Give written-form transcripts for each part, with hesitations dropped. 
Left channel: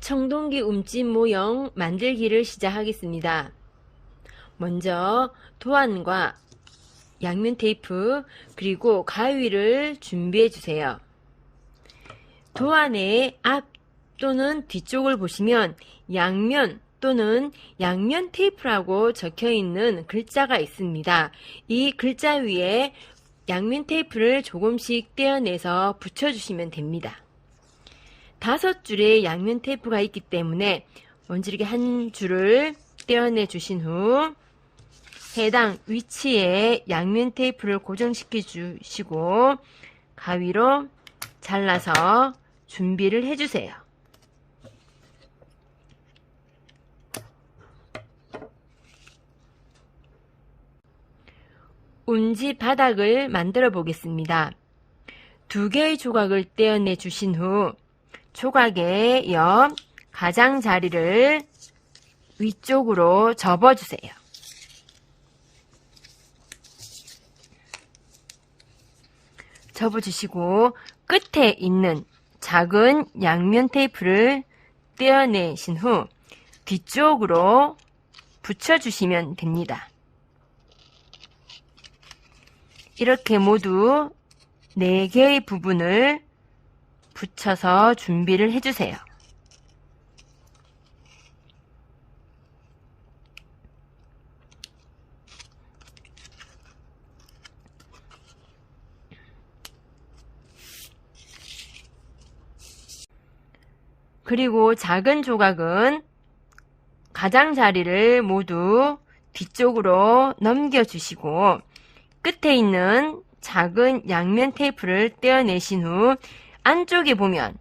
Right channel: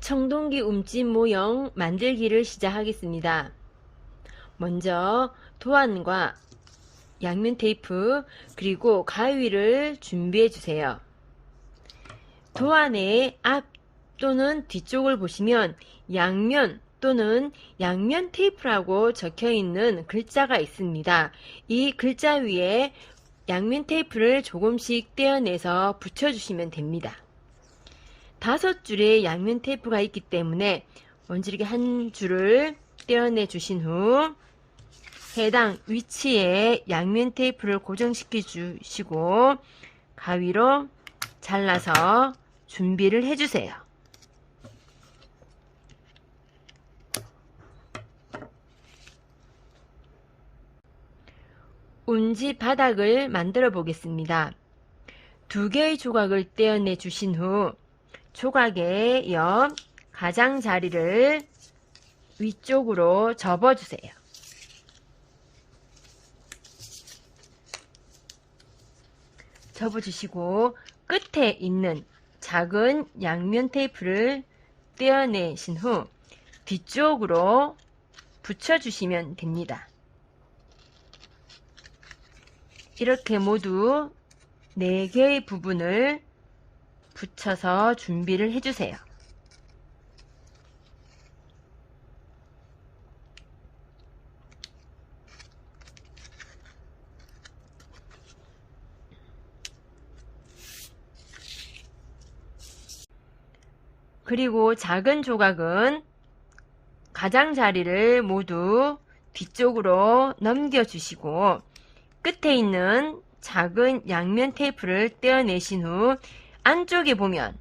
청동기 움집 모형 만들기를 시작하겠습니다. 먼저 도안과 양면 테이프 그리고 가위를 준비해 주세요. 도안의 앞 또는 뒤쪽을 보시면 양면 또는 양면 테이프라고 적혀 있는 글자가 있습니다. 이 글자 위에 양면 테이프를 조금씩 떼어내서 붙여주시면 됩니다. 5줄의 양면 테이프가 있기 때문에 먼저 이렇게 한 줄을 떼어내 주신 후 해당 위치에 양면 테이프를 고정시켜 주시고 가위로 잘라서 준비를 해주세요. 운지 바닥을 만들어 보겠습니다. 2개의 조각을 떼어내 주신 후 조각의 옆 가장자리를 위쪽으로 접어주세요. 접어주시고 끝에 있는 작은 양면 테이프를 떼어내신 후 뒤쪽으로 붙여주시면 됩니다. 이렇게 모두 4개의 부분을 붙여서 준비를 해주세요. 그리고 작은 조각은 가장자리를 모두 뒤쪽으로 넘겨주시고 끝에 있는 작은 양면 테이프를 떼어내신 후 안쪽에 보면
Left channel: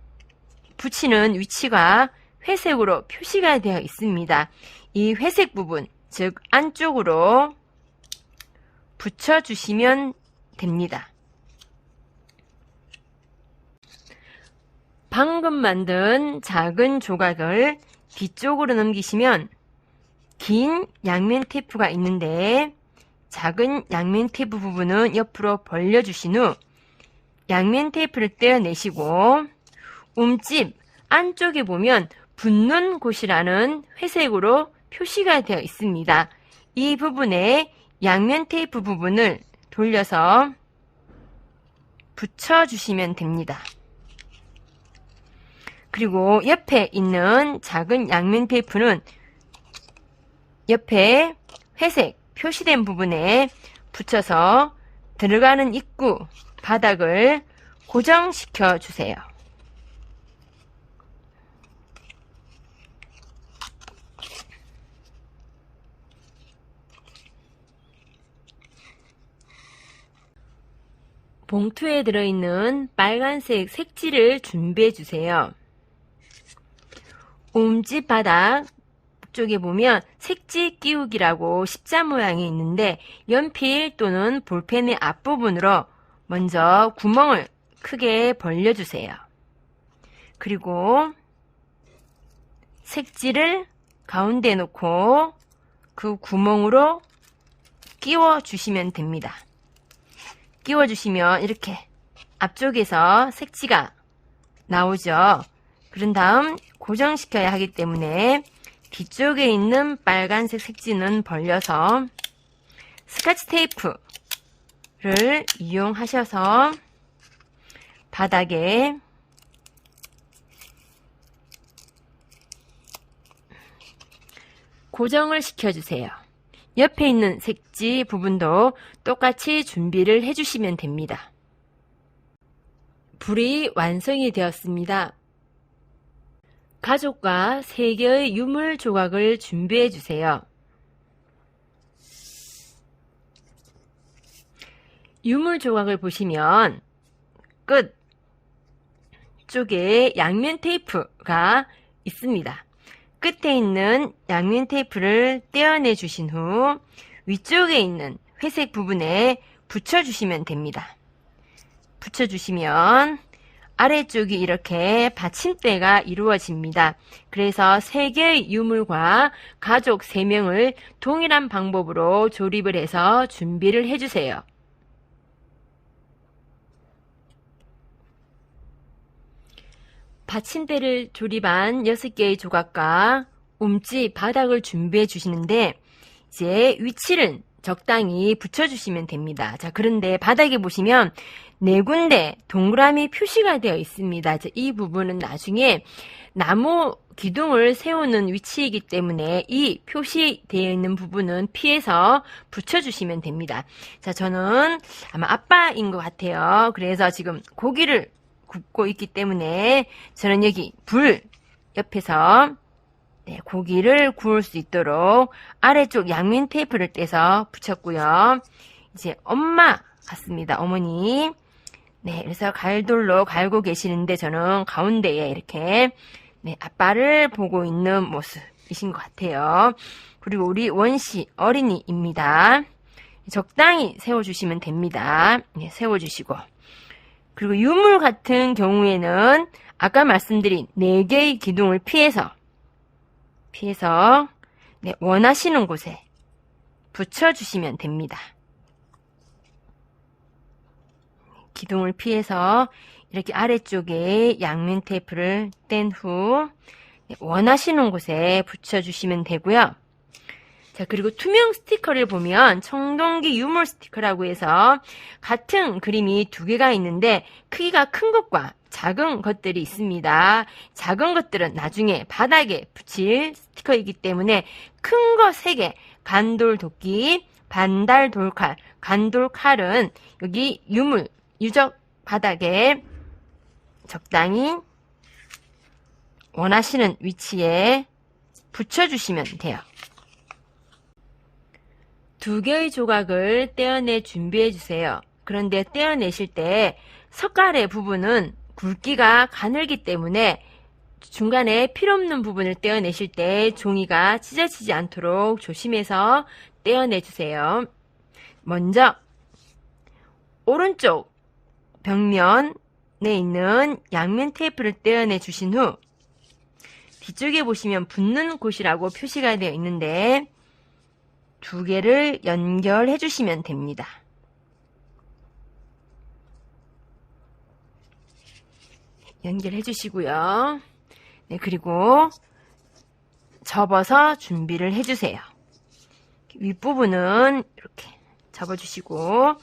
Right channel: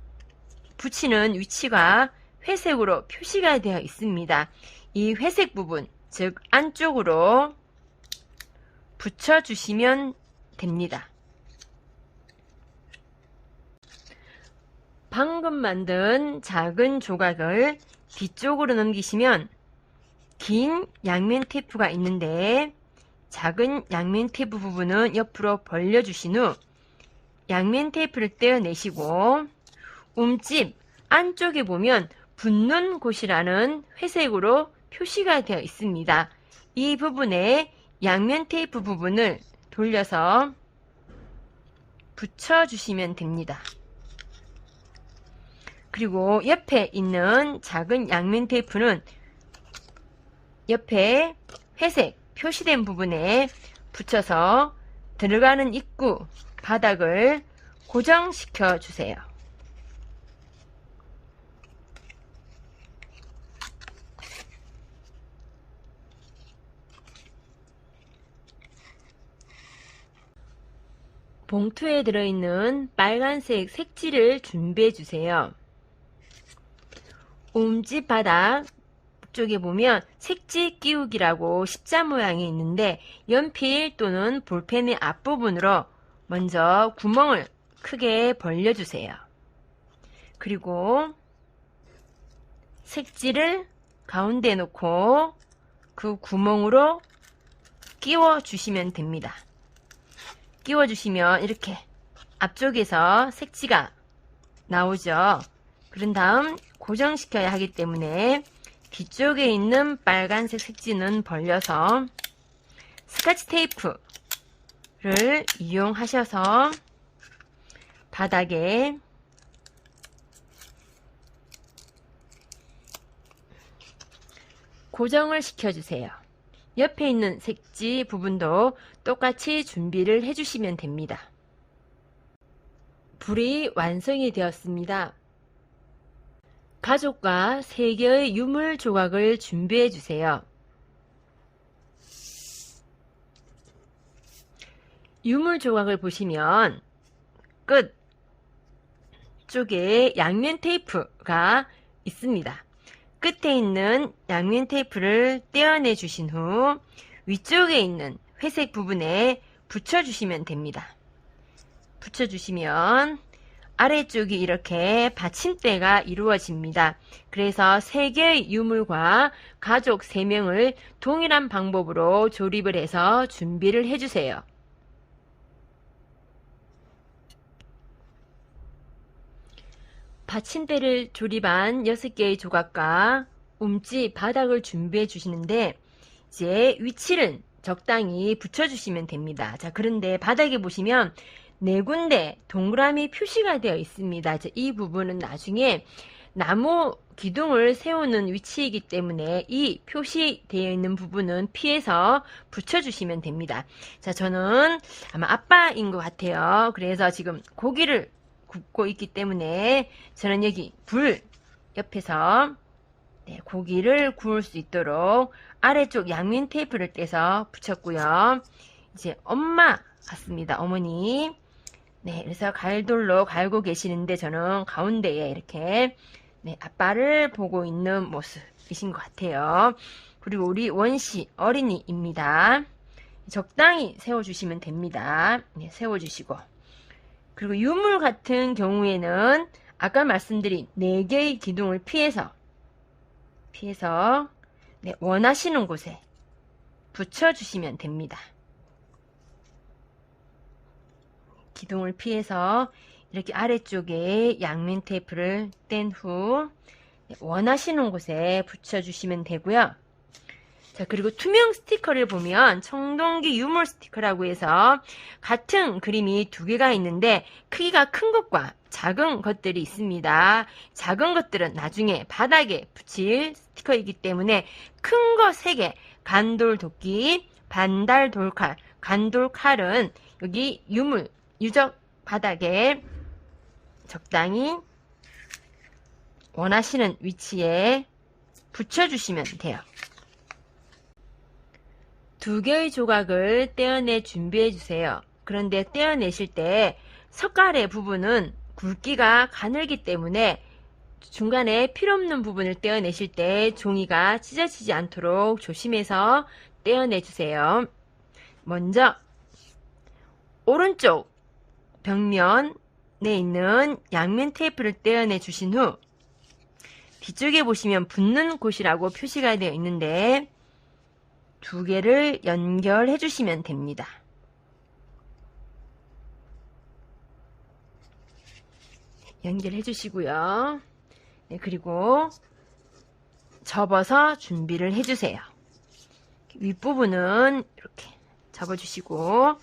붙이는 위치가 회색으로 표시가 되어 있습니다. 이 회색 부분, 즉 안쪽으로 붙여주시면 됩니다. 방금 만든 작은 조각을 뒤쪽으로 넘기시면 긴 양면 테이프가 있는데 작은 양면 테이프 부분은 옆으로 벌려주신 후 양면 테이프를 떼어내시고 움집 안쪽에 보면 붙는 곳이라는 회색으로 표시가 되어 있습니다. 이 부분에 양면 테이프 부분을 돌려서 붙여주시면 됩니다. 그리고 옆에 있는 작은 양면 테이프는 옆에 회색 표시된 부분에 붙여서 들어가는 입구 바닥을 고정시켜 주세요. 봉투에 들어있는 빨간색 색지를 준비해 주세요. 움집 바닥 쪽에 보면 색지 끼우기라고 십자 모양이 있는데 연필 또는 볼펜의 앞부분으로 먼저 구멍을 크게 벌려주세요. 그리고 색지를 가운데 놓고 그 구멍으로 끼워 주시면 됩니다. 끼워 주시면 이렇게 앞쪽에서 색지가 나오죠. 그런 다음 고정시켜야 하기 때문에 뒤쪽에 있는 빨간색 색지는 벌려서 스카치 테이프를 이용하셔서 바닥에 고정을 시켜주세요. 옆에 있는 색지 부분도 똑같이 준비를 해주시면 됩니다. 불이 완성이 되었습니다. 가족과 3개의 유물 조각을 준비해 주세요. 유물 조각을 보시면 끝 쪽에 양면 테이프가 있습니다. 끝에 있는 양면 테이프를 떼어내 주신 후 위쪽에 있는 회색 부분에 붙여주시면 됩니다. 붙여주시면 아래쪽이 이렇게 받침대가 이루어집니다. 그래서 3개의 유물과 가족 3명을 동일한 방법으로 조립을 해서 준비를 해주세요. 받침대를 조립한 6개의 조각과 움집 바닥을 준비해 주시는데 이제 위치를 적당히 붙여주시면 됩니다. 자, 그런데 바닥에 보시면 4군데 동그라미 표시가 되어 있습니다. 자, 이 부분은 나중에 나무 기둥을 세우는 위치이기 때문에 이 표시되어 있는 부분은 피해서 붙여주시면 됩니다. 자, 저는 아마 아빠인 것 같아요. 그래서 지금 고기를 굽고 있기 때문에 저는 여기 불 옆에서 고기를 구울 수 있도록 아래쪽 양면 테이프를 떼서 붙였고요. 이제 엄마 같습니다. 어머니. 네, 그래서 갈돌로 갈고 계시는데 저는 가운데에 이렇게 아빠를 보고 있는 모습이신 것 같아요. 그리고 우리 원씨 어린이입니다. 적당히 세워주시면 됩니다. 네, 세워주시고. 그리고 유물 같은 경우에는 아까 말씀드린 4개의 기둥을 피해서 원하시는 곳에 붙여주시면 됩니다. 기둥을 피해서 이렇게 아래쪽에 양면 테이프를 뗀 후 원하시는 곳에 붙여주시면 되고요. 자, 그리고 투명 스티커를 보면 청동기 유물 스티커라고 해서 같은 그림이 2개가 있는데 크기가 큰 것과 작은 것들이 있습니다. 작은 것들은 나중에 바닥에 붙일 스티커이기 때문에 큰 거 3개, 간돌도끼, 반달돌칼, 간돌칼은 여기 유적 바닥에 적당히 원하시는 위치에 붙여주시면 돼요. 2개의 조각을 떼어내 준비해 주세요. 그런데 떼어내실 때 석갈의 부분은 굵기가 가늘기 때문에 중간에 필요없는 부분을 떼어내실 때 종이가 찢어지지 않도록 조심해서 떼어내 주세요. 먼저 오른쪽 벽면에 있는 양면 테이프를 떼어내 주신 후 뒤쪽에 보시면 붙는 곳이라고 표시가 되어 있는데 2개를 연결해 주시면 됩니다. 연결해 주시고요. 네, 그리고 접어서 준비를 해 주세요. 윗부분은 이렇게 접어 주시고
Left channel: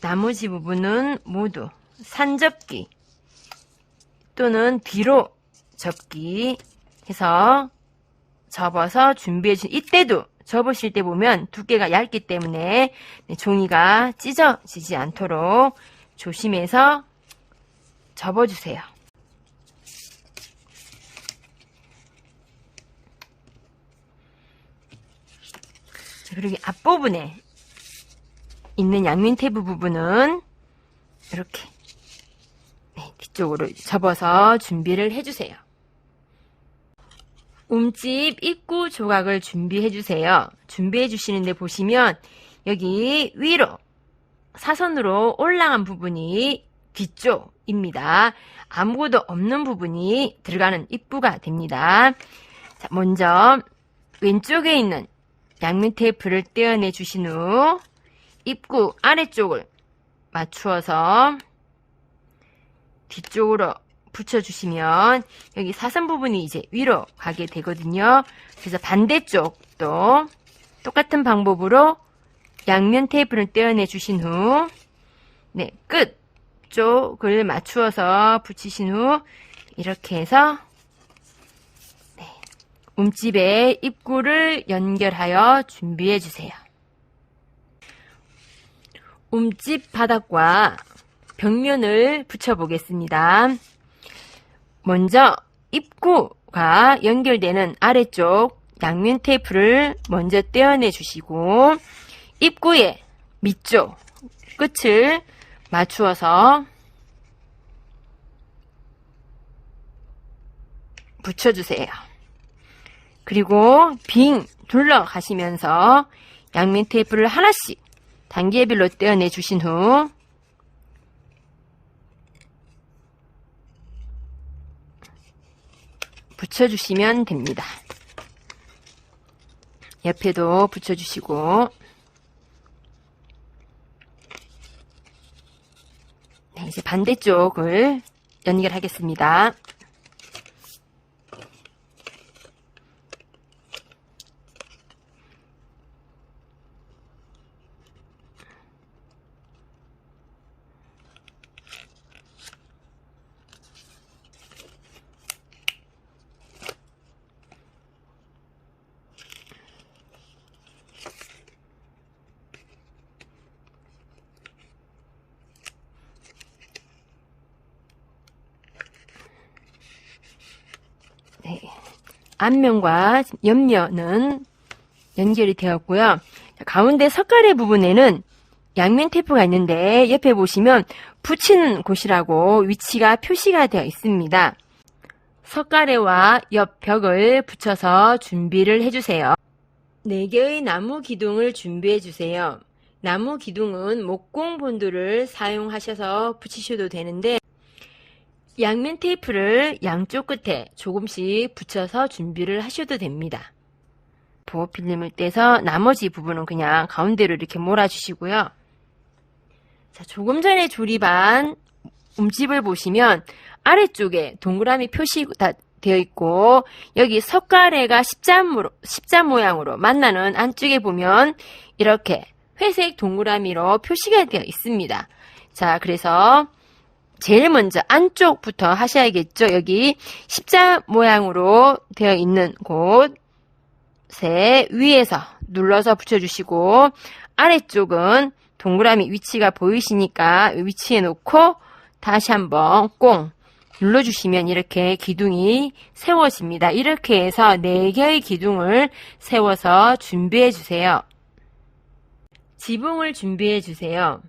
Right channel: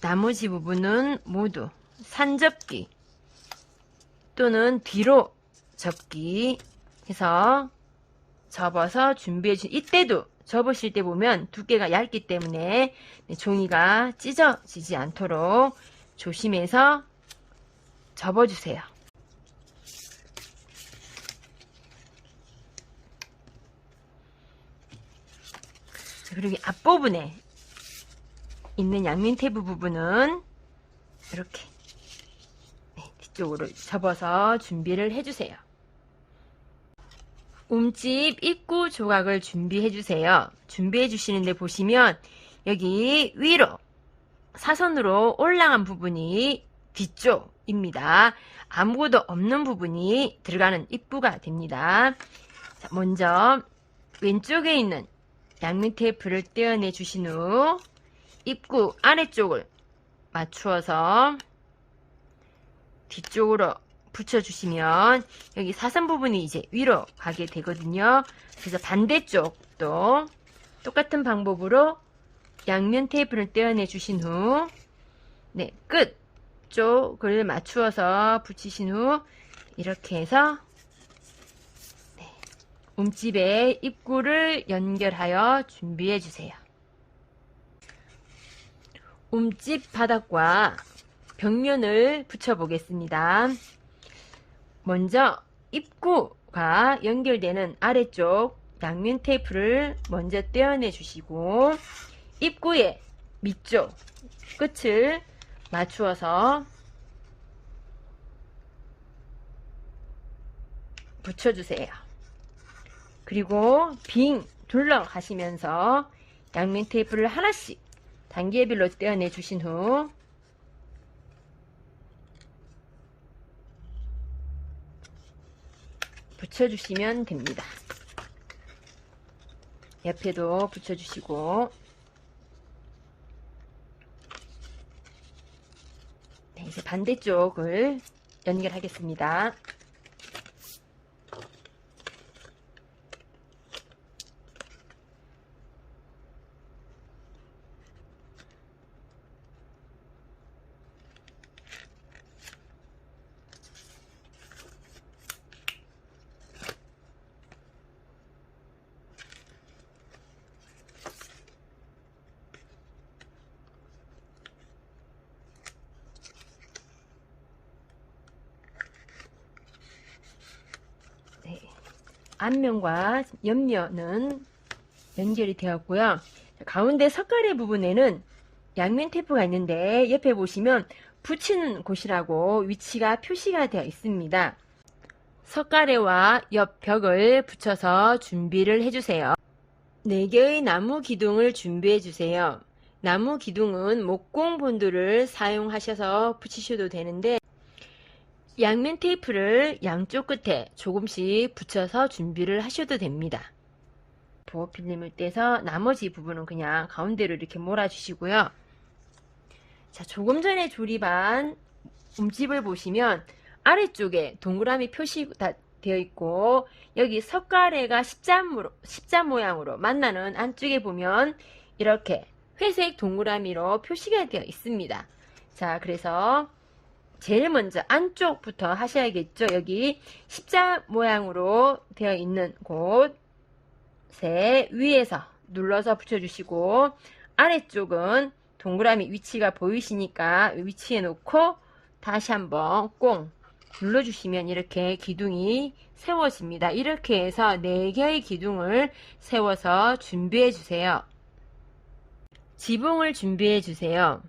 나머지 부분은 모두 산접기 또는 뒤로 접기 해서 접어서 준비해 주신 이때도 접으실 때 보면 두께가 얇기 때문에 종이가 찢어지지 않도록 조심해서 접어주세요. 그리고 앞부분에 있는 양면 테이프 부분은 이렇게 뒤쪽으로 접어서 준비를 해주세요. 움집 입구 조각을 준비해 주세요. 준비해 주시는데 보시면 여기 위로 사선으로 올라간 부분이 뒤쪽입니다. 아무것도 없는 부분이 들어가는 입구가 됩니다. 자, 먼저 왼쪽에 있는 양면 테이프를 떼어내 주신 후 입구 아래쪽을 맞추어서 뒤쪽으로 붙여주시면 여기 사선 부분이 이제 위로 가게 되거든요. 그래서 반대쪽도 똑같은 방법으로 양면 테이프를 떼어내 주신 후 끝 쪽을 맞추어서 붙이신 후 이렇게 해서 움집의 입구를 연결하여 준비해 주세요. 움집 바닥과 벽면을 붙여 보겠습니다. 먼저 입구가 연결되는 아래쪽 양면 테이프를 먼저 떼어내 주시고 입구의 밑쪽 끝을 맞추어서 붙여주세요. 그리고 빙 둘러 가시면서 양면 테이프를 하나씩 단계별로 떼어내 주신 후 붙여주시면 됩니다. 옆에도 붙여주시고 이제 반대쪽을 연결하겠습니다. 앞면과 옆면은 연결이 되었고요. 가운데 석가래 부분에는 양면 테이프가 있는데 옆에 보시면 붙이는 곳이라고 위치가 표시가 되어 있습니다. 석가래와 옆 벽을 붙여서 준비를 해주세요. 4개의 나무 기둥을 준비해 주세요. 나무 기둥은 목공 본드를 사용하셔서 붙이셔도 되는데 양면 테이프를 양쪽 끝에 조금씩 붙여서 준비를 하셔도 됩니다. 보호 필름을 떼서 나머지 부분은 그냥 가운데로 이렇게 몰아주시고요. 자, 조금 전에 조립한 움집을 보시면 아래쪽에 동그라미 표시가 되어 있고 여기 석가래가 십자 모양으로 만나는 안쪽에 보면 이렇게 회색 동그라미로 표시가 되어 있습니다. 자, 그래서 제일 먼저 안쪽부터 하셔야겠죠. 여기 십자 모양으로 되어 있는 곳에 위에서 눌러서 붙여주시고 아래쪽은 동그라미 위치가 보이시니까 위치에 놓고 다시 한번 꽁 눌러주시면 이렇게 기둥이 세워집니다. 이렇게 해서 4개의 기둥을 세워서 준비해 주세요. 지붕을 준비해 주세요.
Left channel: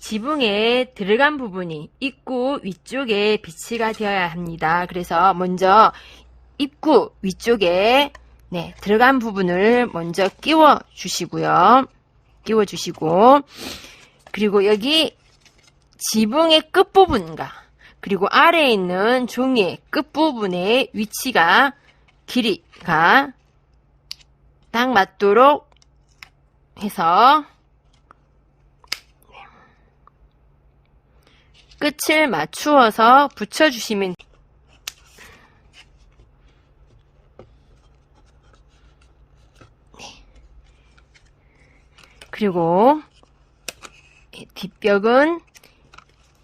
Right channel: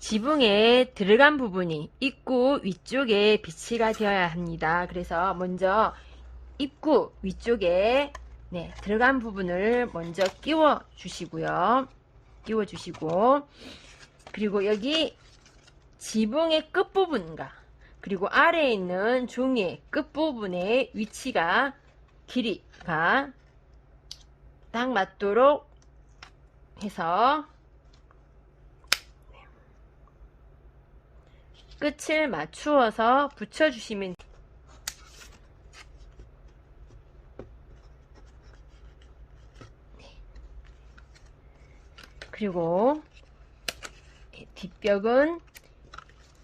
지붕에 들어간 부분이 입구 위쪽에 비치가 되어야 합니다. 그래서 먼저 입구 위쪽에 들어간 부분을 먼저 끼워 주시고요. 끼워 주시고 그리고 여기 지붕의 끝부분과 그리고 아래에 있는 종이의 끝부분의 위치가 길이가 딱 맞도록 해서 끝을 맞추어서 붙여주시면 그리고 뒷벽은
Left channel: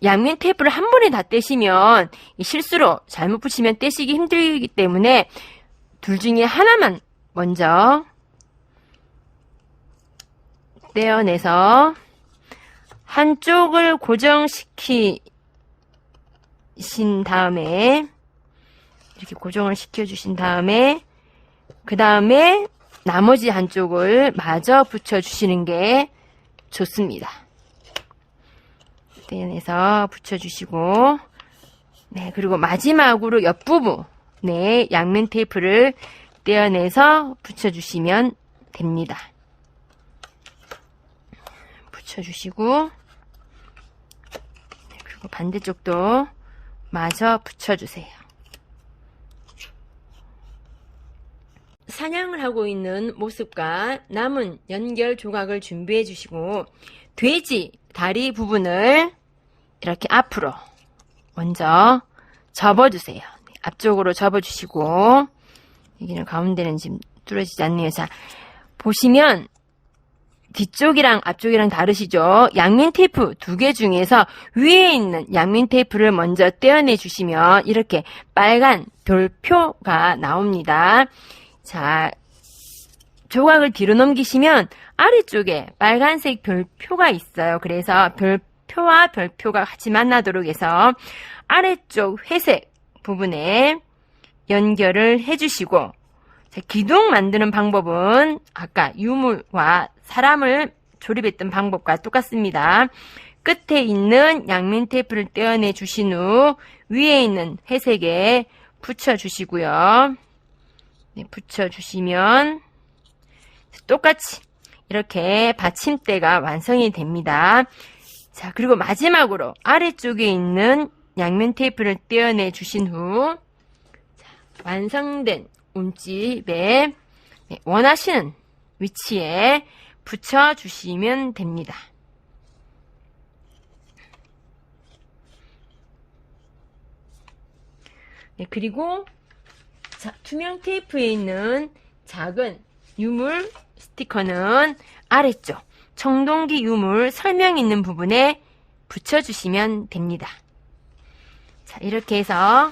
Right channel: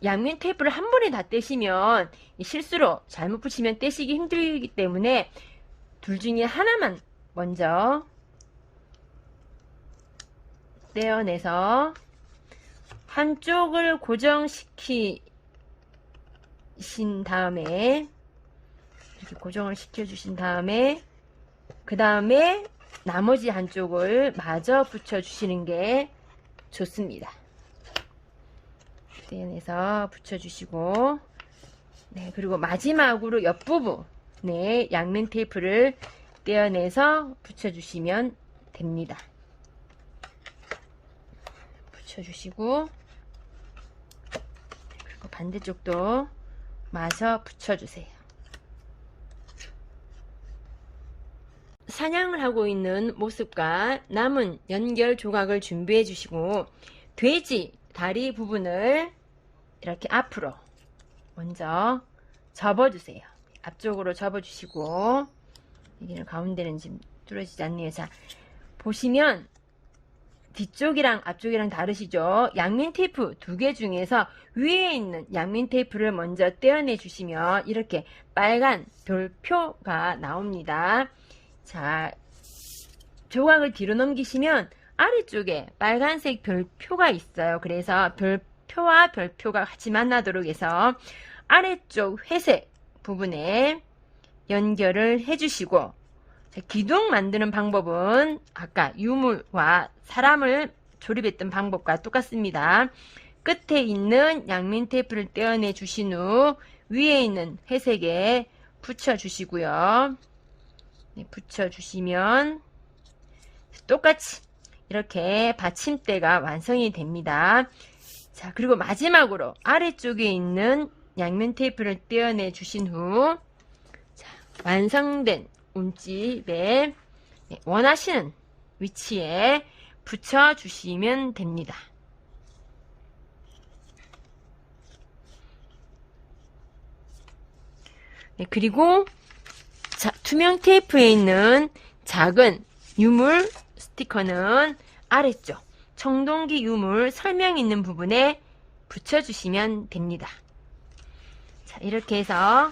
양면 테이프를 한 번에 다 떼시면 실수로 잘못 붙이면 떼시기 힘들기 때문에 둘 중에 하나만 먼저 떼어내서 한쪽을 고정시키신 다음에 이렇게 고정을 시켜주신 다음에 그 다음에 나머지 한쪽을 마저 붙여주시는 게 좋습니다. 떼어내서 붙여주시고 그리고 마지막으로 옆부분에 양면 테이프를 떼어내서 붙여주시면 됩니다. 붙여주시고 그리고 반대쪽도 마저 붙여주세요. 사냥을 하고 있는 모습과 남은 연결 조각을 준비해 주시고 돼지 다리 부분을 이렇게 앞으로 먼저 접어주세요. 앞쪽으로 접어주시고 여기는 가운데는 지금 뚫어지지 않네요. 자, 보시면 뒤쪽이랑 앞쪽이랑 다르시죠? 양면 테이프 2개 중에서 위에 있는 양면 테이프를 먼저 떼어내 주시면 이렇게 빨간 별표가 나옵니다. 자, 조각을 뒤로 넘기시면 아래쪽에 빨간색 별표가 있어요. 그래서 별표와 별표가 같이 만나도록 해서 아래쪽 회색 부분에 연결을 해주시고 기둥 만드는 방법은 아까 유물과 사람을 조립했던 방법과 똑같습니다. 끝에 있는 양면 테이프를 떼어내 주신 후 위에 있는 회색에 붙여주시고요. 붙여주시면 똑같이 이렇게 받침대가 완성이 됩니다. 자, 그리고 마지막으로 아래쪽에 있는 양면 테이프를 떼어내 주신 후 완성된 움집에 원하시는 위치에 붙여주시면 됩니다. 그리고 투명 테이프에 있는 작은 유물 스티커는 아래쪽 청동기 유물 설명 있는 부분에 붙여주시면 됩니다. 자, 이렇게 해서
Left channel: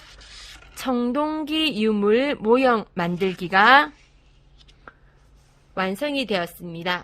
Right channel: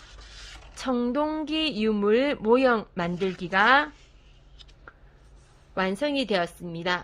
청동기 유물 모형 만들기가 완성이 되었습니다.